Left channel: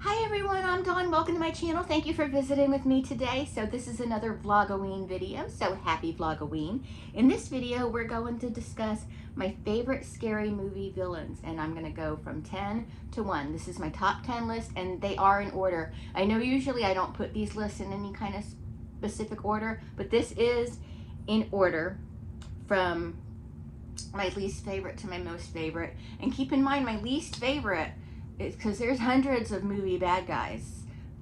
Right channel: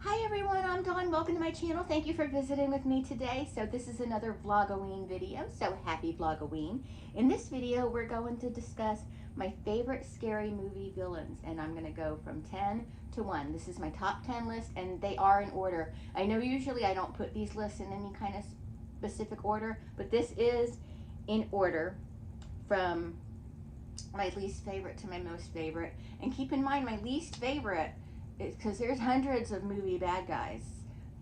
Hi everyone, I'm Dawn. Welcome to my channel. Thank you for visiting with me today. So this is another Vlogoween video, so happy Vlogoween. In this video, we're going to discuss my favorite scary movie villains, and I'm gonna go from 10 to 1. This is my top 10 list, and they are in order. I know usually I don't put these lists in any kind of specific order, but this is in order from my least favorite to my most favorite. And keep in mind, my least favorite is because there's hundreds of movie bad guys.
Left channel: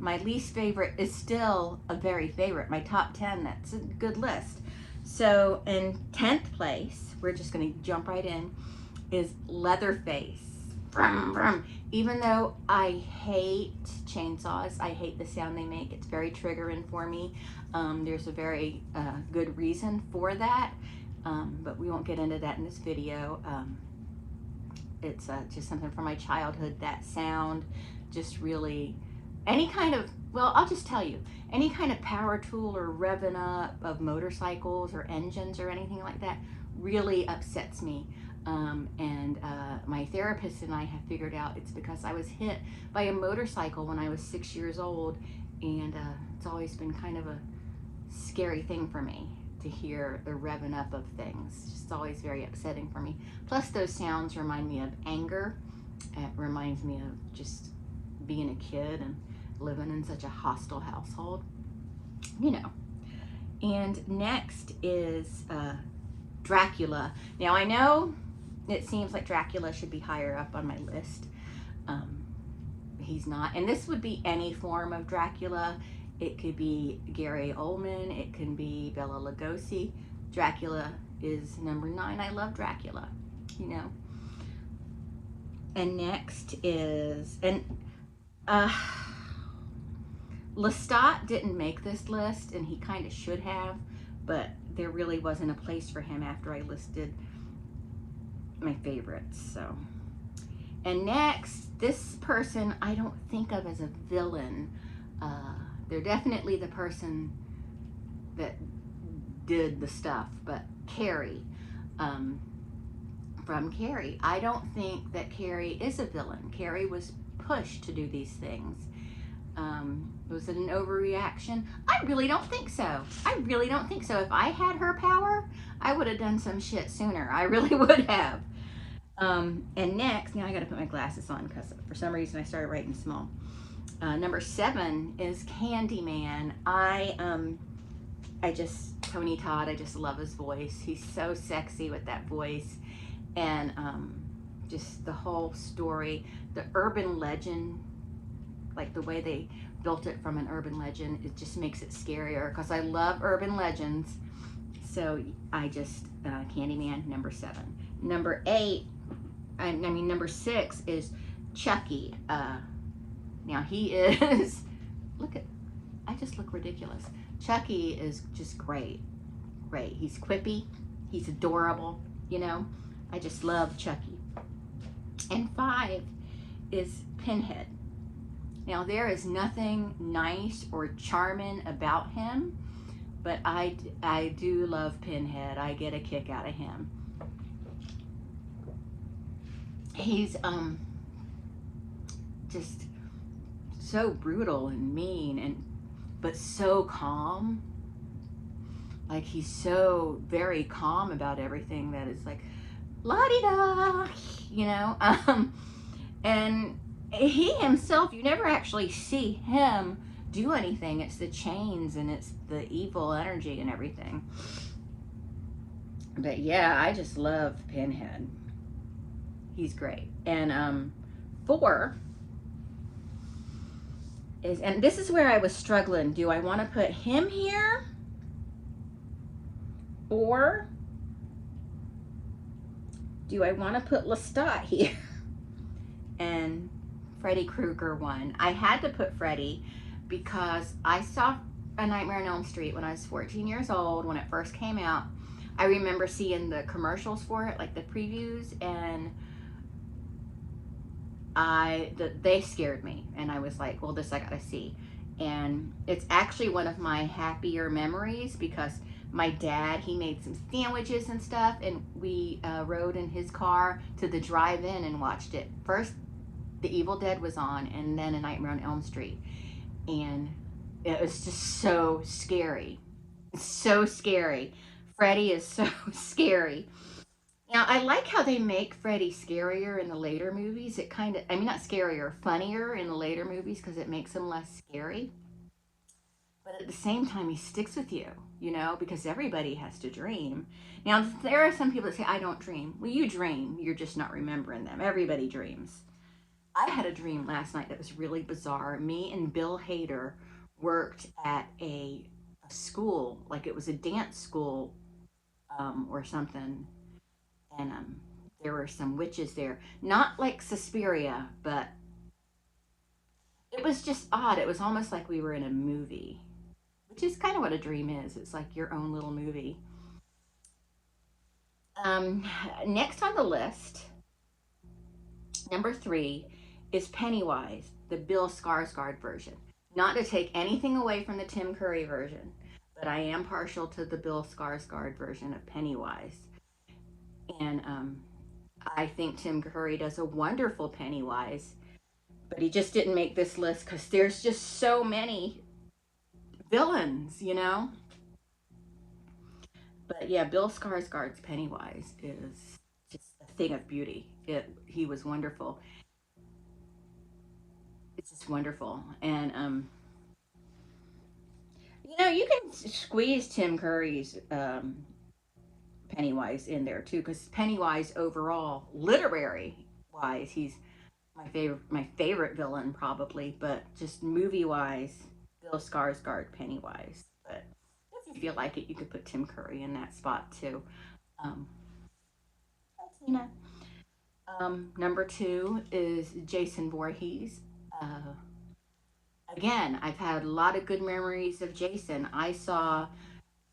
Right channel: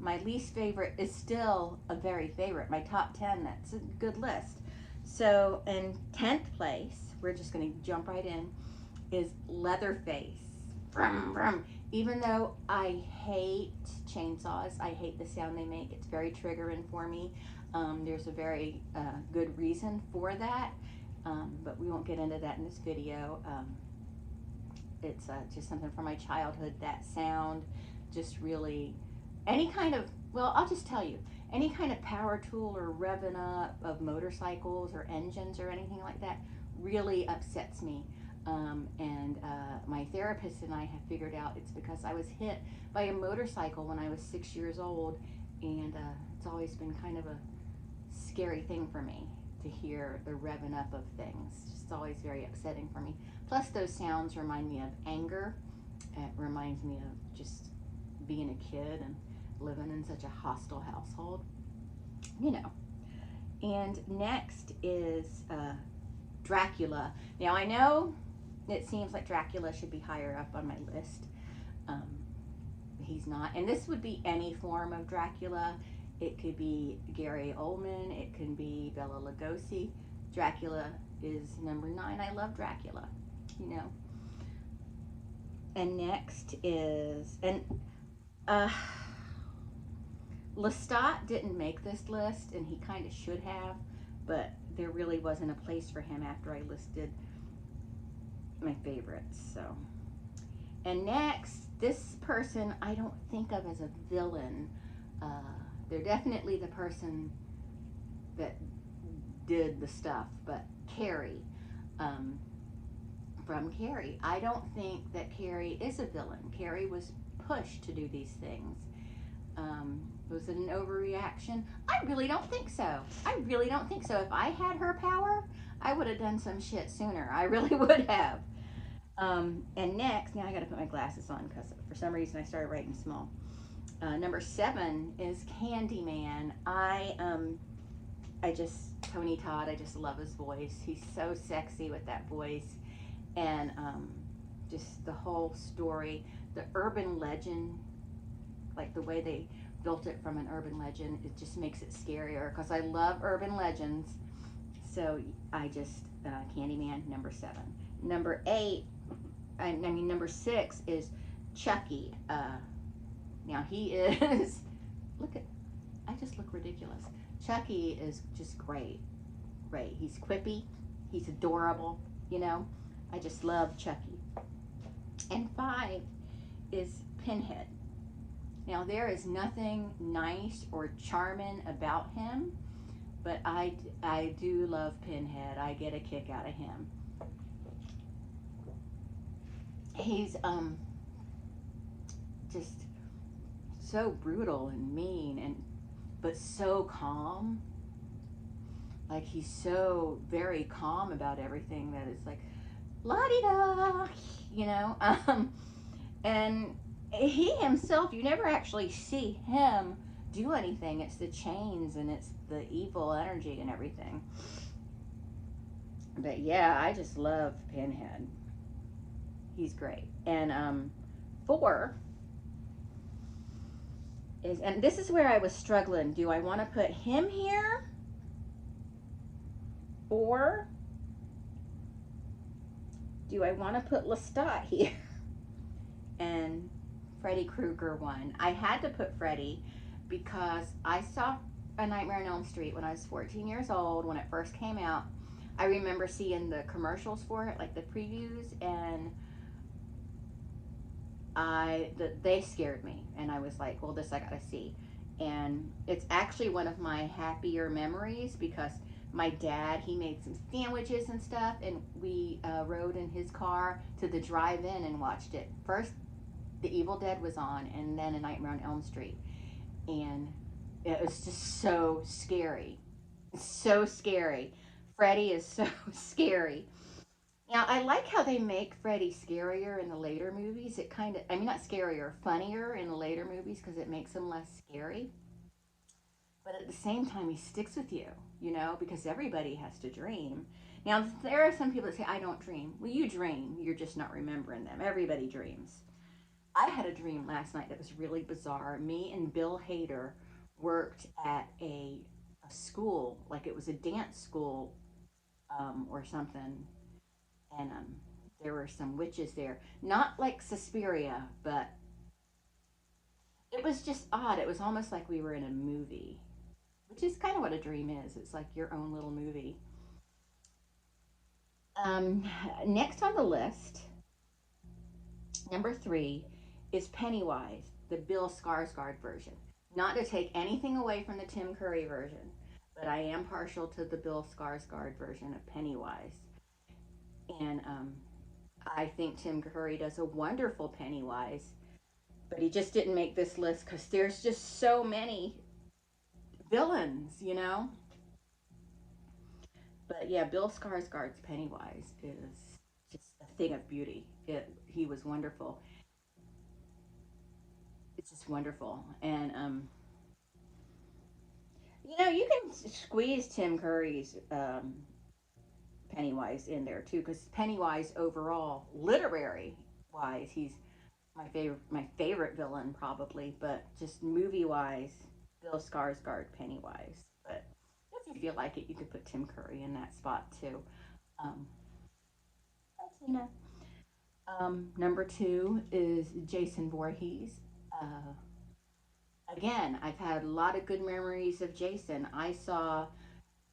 My least favorite is still a very favorite. My top 10, that's a good list. So in 10th place, we're just gonna jump right in, is Leatherface. Vroom, vroom. Even though I hate chainsaws, I hate the sound they make, it's very triggering for me. There's a very good reason for that. But we won't get into that in this video. It's just something from my childhood. That sound just really, any kind of, well, I'll just tell you, any kind of power tool or revving up of motorcycles or engines or anything like that really upsets me. My therapist and I have figured out it's because I was hit by a motorcycle when I was 6 years old, and it's always been kind of a scary thing for me to hear the revving up of things. It's always very upsetting for me. Plus those sounds remind me of anger. It reminds me of just being a kid and living in such a hostile household, you know. And next is Dracula. Now I know it seems like Dracula should be higher up on my list. He's not, and this would be any form of Dracula. It could be Gary Oldman, it can be Bela Lugosi. Dracula is number 9. I love Dracula, you know. And next is, and Lestat didn't make this list, and he kind of should have, but there really wasn't a place for him after I listed my favorites. So, and next, this person I don't think of as a villain. They're definitely the person that did the stuff, but Carrie, from Carrie. I don't think that Carrie is a villain. Carrie was pushed to do these things. Was it an overreaction? I really don't think so. I really don't think so. If I had her power, I would have done some shit sooner. I really would have. And next, now I gotta put my glasses on because for some reason I started writing small. Number 7 is Candyman. Tony Todd, I just love his voice. He's so sexy with that voice. And just the whole story, the urban legend, like the way they built it from an urban legend, it just makes it scarier because I love urban legends. So I just, Candyman, number 7. Number 8, number 6 is Chucky. Now he is, I just look ridiculous. Chucky is just great. He's quippy, he's adorable, you know. I just love Chucky. And 5 is Pinhead. Now there is nothing nice or charming about him, but I do love Pinhead. I get a kick out of him. He's just so brutal and mean, but so calm. Like he's so very calm about everything that is like la-di-da, you know. And he himself, you never actually see him do anything. It's the chains and it's the evil energy and everything. But yeah, I just love Pinhead. He's great. And 4 is, and this is where I was struggling. Do I want to put him here? Or do I want to put Lestat here? And Freddy Krueger won. I had to put Freddy because I saw A Nightmare on Elm Street when I was 14 years old, when it first came out. I remember seeing the commercials for it, like the previews, and they scared me, and I was like, well, this I gotta see. And it's actually one of my happier memories because my dad, he made some sandwiches and stuff, and we rode in his car to the drive-in and watched it. First The Evil Dead was on, and then A Nightmare on Elm Street. And it was just so scary. So scary. Freddy is so scary. Now, I like how they make Freddy scarier in the later movies. It kind of, I mean, not scarier, funnier in the later movies because it makes him less scary. But at the same time, he sticks with you, you know, because everybody has to dream. Now, there are some people that say, I don't dream. Well, you dream. You're just not remembering them. Everybody dreams. I had a dream last night that was really bizarre. Me and Bill Hader worked at a school, like it was a dance school or something. And there were some witches there. Not like Suspiria, but it was just odd. It was almost like we were in a movie, which is kind of what a dream is. It's like your own little movie. Um, Next on the list, number 3, is Pennywise, the Bill Skarsgård version. Not to take anything away from the Tim Curry version, but I am partial to the Bill Skarsgård version of Pennywise. And I think Tim Curry does a wonderful Pennywise, but he just didn't make this list because there's just so many villains, you know? But yeah, Bill Skarsgård's Pennywise is just a thing of beauty. He was wonderful. It's just wonderful. And you know, you can squeeze Tim Curry's Pennywise in there too, because Pennywise overall, literary wise, he's my favorite villain probably, but just movie wise, Bill Skarsgård Pennywise. But if you feel like it, you could put Tim Curry in that spot too. Um, Tina. Number 2 is Jason Voorhees. Uh, Again, I've had a lot of good memories of Jason. I saw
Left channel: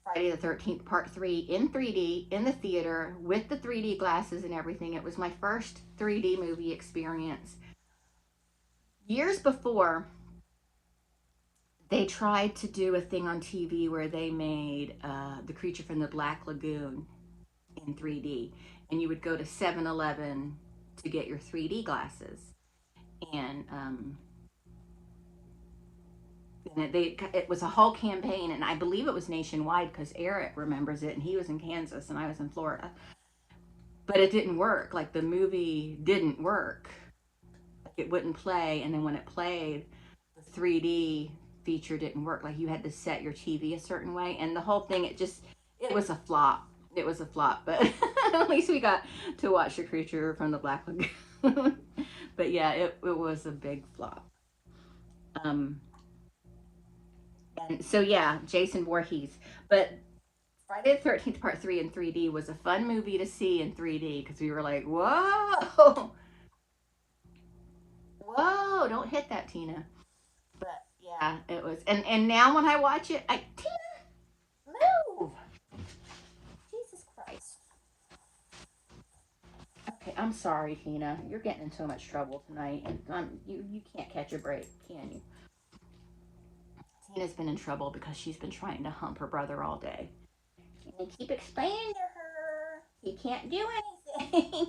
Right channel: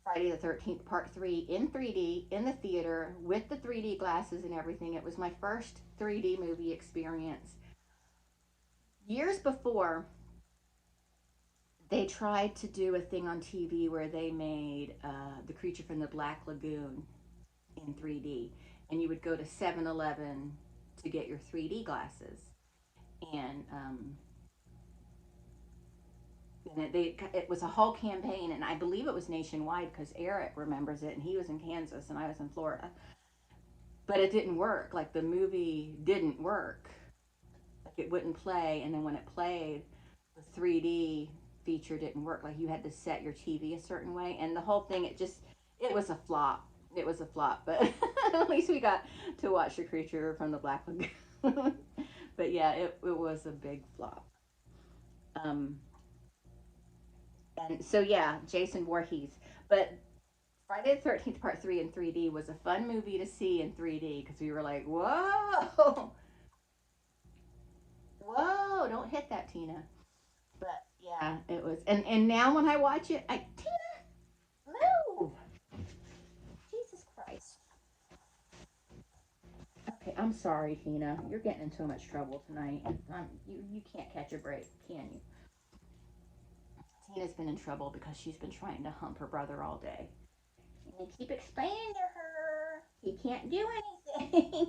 Friday the 13th Part 3 in 3D in the theater with the 3D glasses and everything. It was my first 3D movie experience. Years before, they tried to do a thing on TV where they made The Creature from the Black Lagoon in 3D. And you would go to 7-Eleven to get your 3D glasses. And it was a whole campaign, and I believe it was nationwide because Eric remembers it, and he was in Kansas and I was in Florida. But it didn't work. Like the movie didn't work. Like it wouldn't play, and then when it played, the 3D feature didn't work. Like you had to set your TV a certain way, and the whole thing it was a flop. It was a flop, but at least we got to watch The Creature from the Black Lagoon. But yeah, it was a big flop. Um, and so yeah, Jason Voorhees. But Friday the 13th Part 3 in 3D was a fun movie to see in 3D because we were like, whoa, whoa, don't hit that, Tina. But yeah, it was. And now when I watch it, Tina, move. Jesus Christ. Okay, I'm sorry, Tina. You're getting in so much trouble tonight. You can't catch a break, can you? Tina's been in trouble because she's been trying to hump her brother all day. And I keep explaining to her he can't do anything.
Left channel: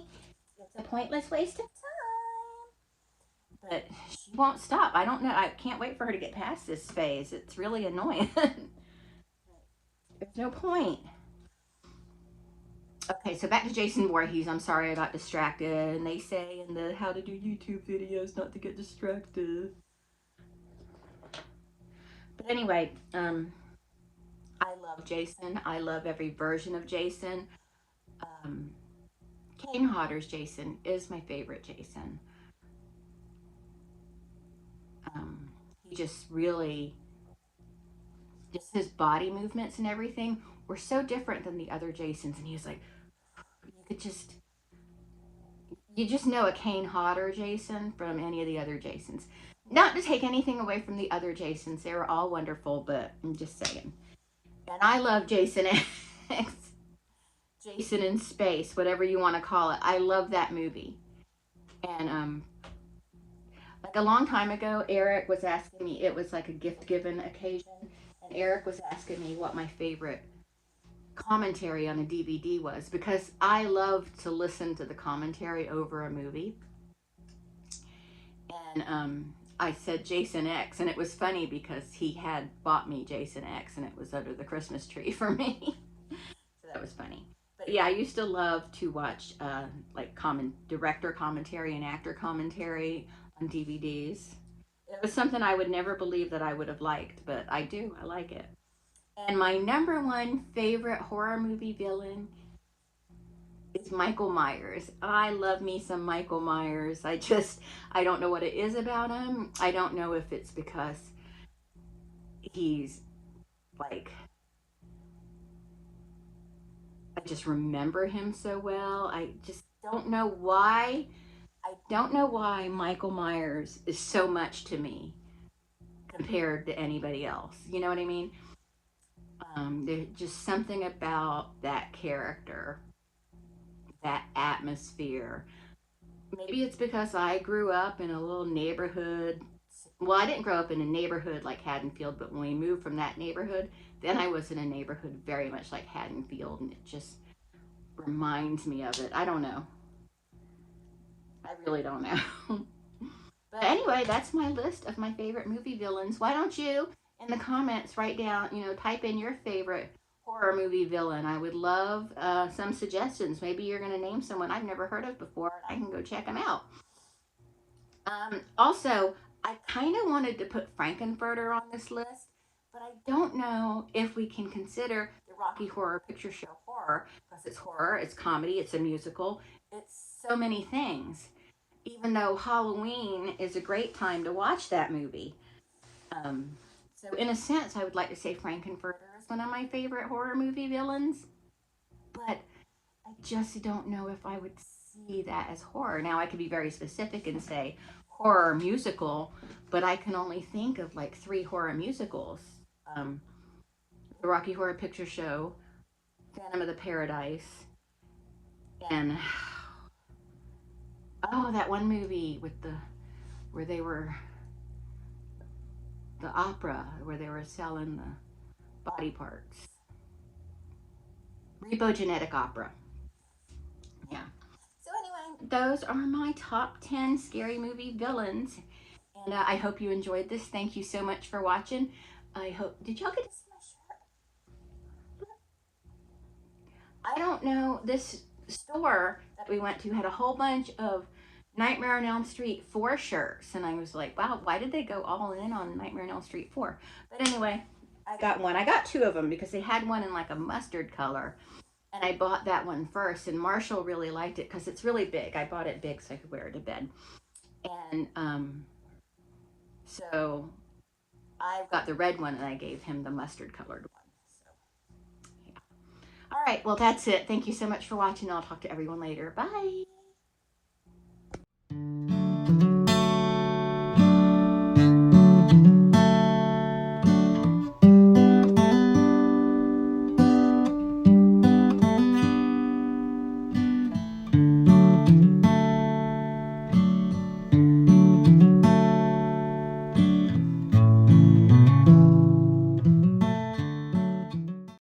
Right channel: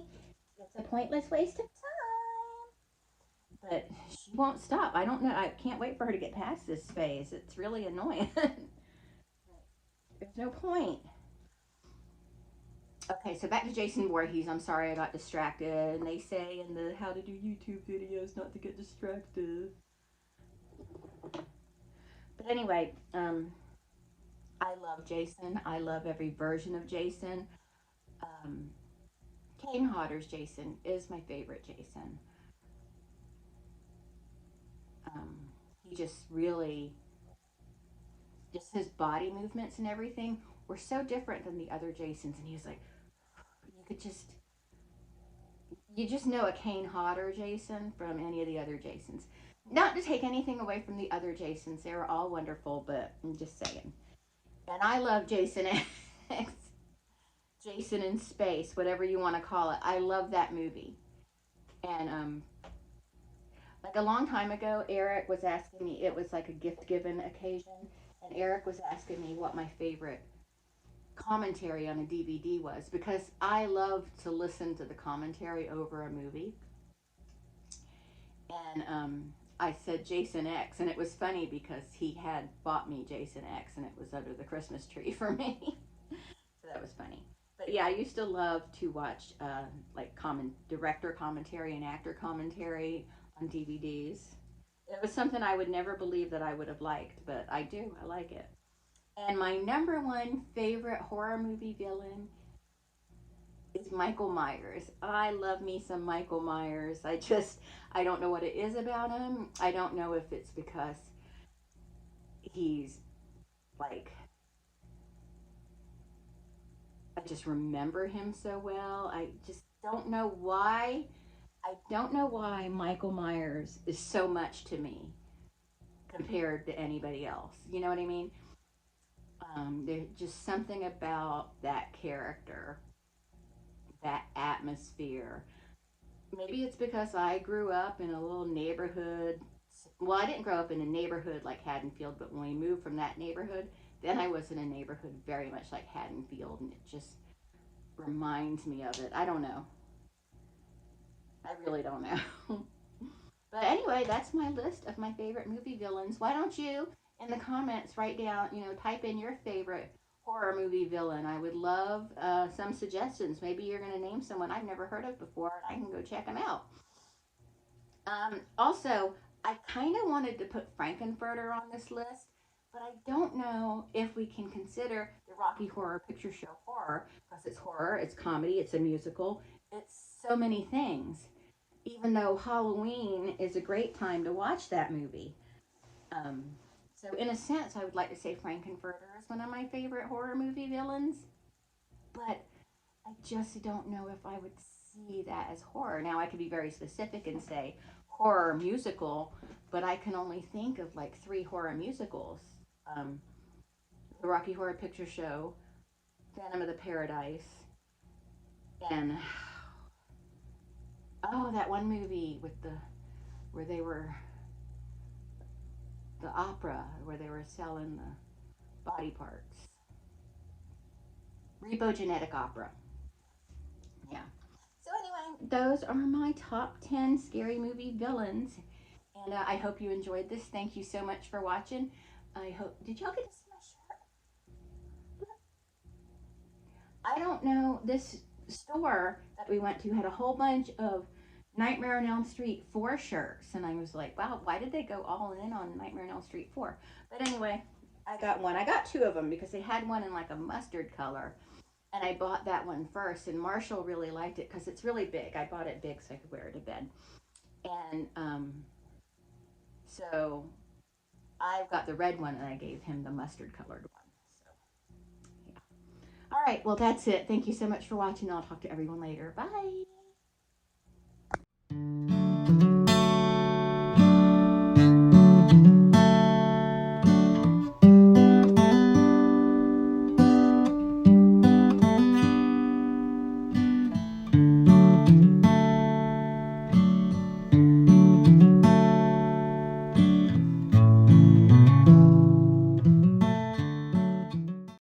It's a pointless waste of time. But she won't stop. I don't know. I can't wait for her to get past this phase. It's really annoying. There's no point. Okay, so back to Jason Voorhees. I'm sorry I got distracted. And they say in the how to do YouTube videos not to get distracted. But anyway, I love Jason. I love every version of Jason. Um, Kane Hodder's Jason is my favorite Jason. Um, he just really, just his body movements and everything were so different than the other Jasons. And he was like, you could just, you just know a Kane Hodder Jason from any of the other Jasons. Not to take anything away from the other Jasons, they were all wonderful, but I'm just saying. And I love Jason X, Jason in Space, whatever you want to call it. I love that movie. And like a long time ago, Eric was asking me, it was like a gift given occasion, and Eric was asking me what my favorite commentary on a DVD was because I love to listen to the commentary over a movie. And I said Jason X, and it was funny because he had bought me Jason X, and it was under the Christmas tree for me. So that was funny. But yeah, I used to love to watch like director commentary and actor commentary on DVDs. It was something I would never believe that I would have liked, but I do. I like it. And my number one favorite horror movie villain is Michael Myers. I love me some Michael Myers. I don't know what it is about him. I don't know if it's because he's like, I just remember him so well. I just don't know why. I don't know why Michael Myers is so much to me compared to anybody else. You know what I mean? There's just something about that character, that atmosphere. Maybe it's because I grew up in a little neighborhood. Well, I didn't grow up in a neighborhood like Haddonfield, but when we moved from that neighborhood, then I was in a neighborhood very much like Haddonfield, and it just reminds me of it. I don't know. I really don't know. But anyway, that's my list of my favorite movie villains. Why don't you, in the comments, write down, type in your favorite horror movie villain? I would love some suggestions. Maybe you're going to name someone I've never heard of before, and I can go check them out. Also, I kind of wanted to put Frankenfurter on this list, but I don't know if we can consider the Rocky Horror Picture Show horror because it's horror, it's comedy, it's a musical, it's so many things. Even though Halloween is a great time to watch that movie. Um, so, in a sense, I would like to say Frankenfurter is one of my favorite horror movie villains, but I just don't know if I would see that as horror. Now, I could be very specific and say horror musical, but I can only think of like three horror musicals: um, the Rocky Horror Picture Show, Phantom of the Paradise, and oh, that one movie with the where they were the opera where they were selling the body parts. Repo Opera. Yeah. So anyway, those are my top 10 scary movie villains. And I hope you enjoyed this. Thank you so much for watching. I hope, did y'all get to see my shirt? I don't know, this store that we went to had a whole bunch of Nightmare on Elm Street 4 shirts. And I was like, wow, why did they go all in on Nightmare on Elm Street 4? But anyway, I got one. I got two of them because they had one in like a mustard color. And I bought that one first. And Marshall really liked it because it's really big. I bought it big so I could wear it to bed. And so I got the red one and I gave him the mustard colored one. So, yeah. All right. Well, that's it. Thank you so much for watching. I'll talk to everyone later. Bye.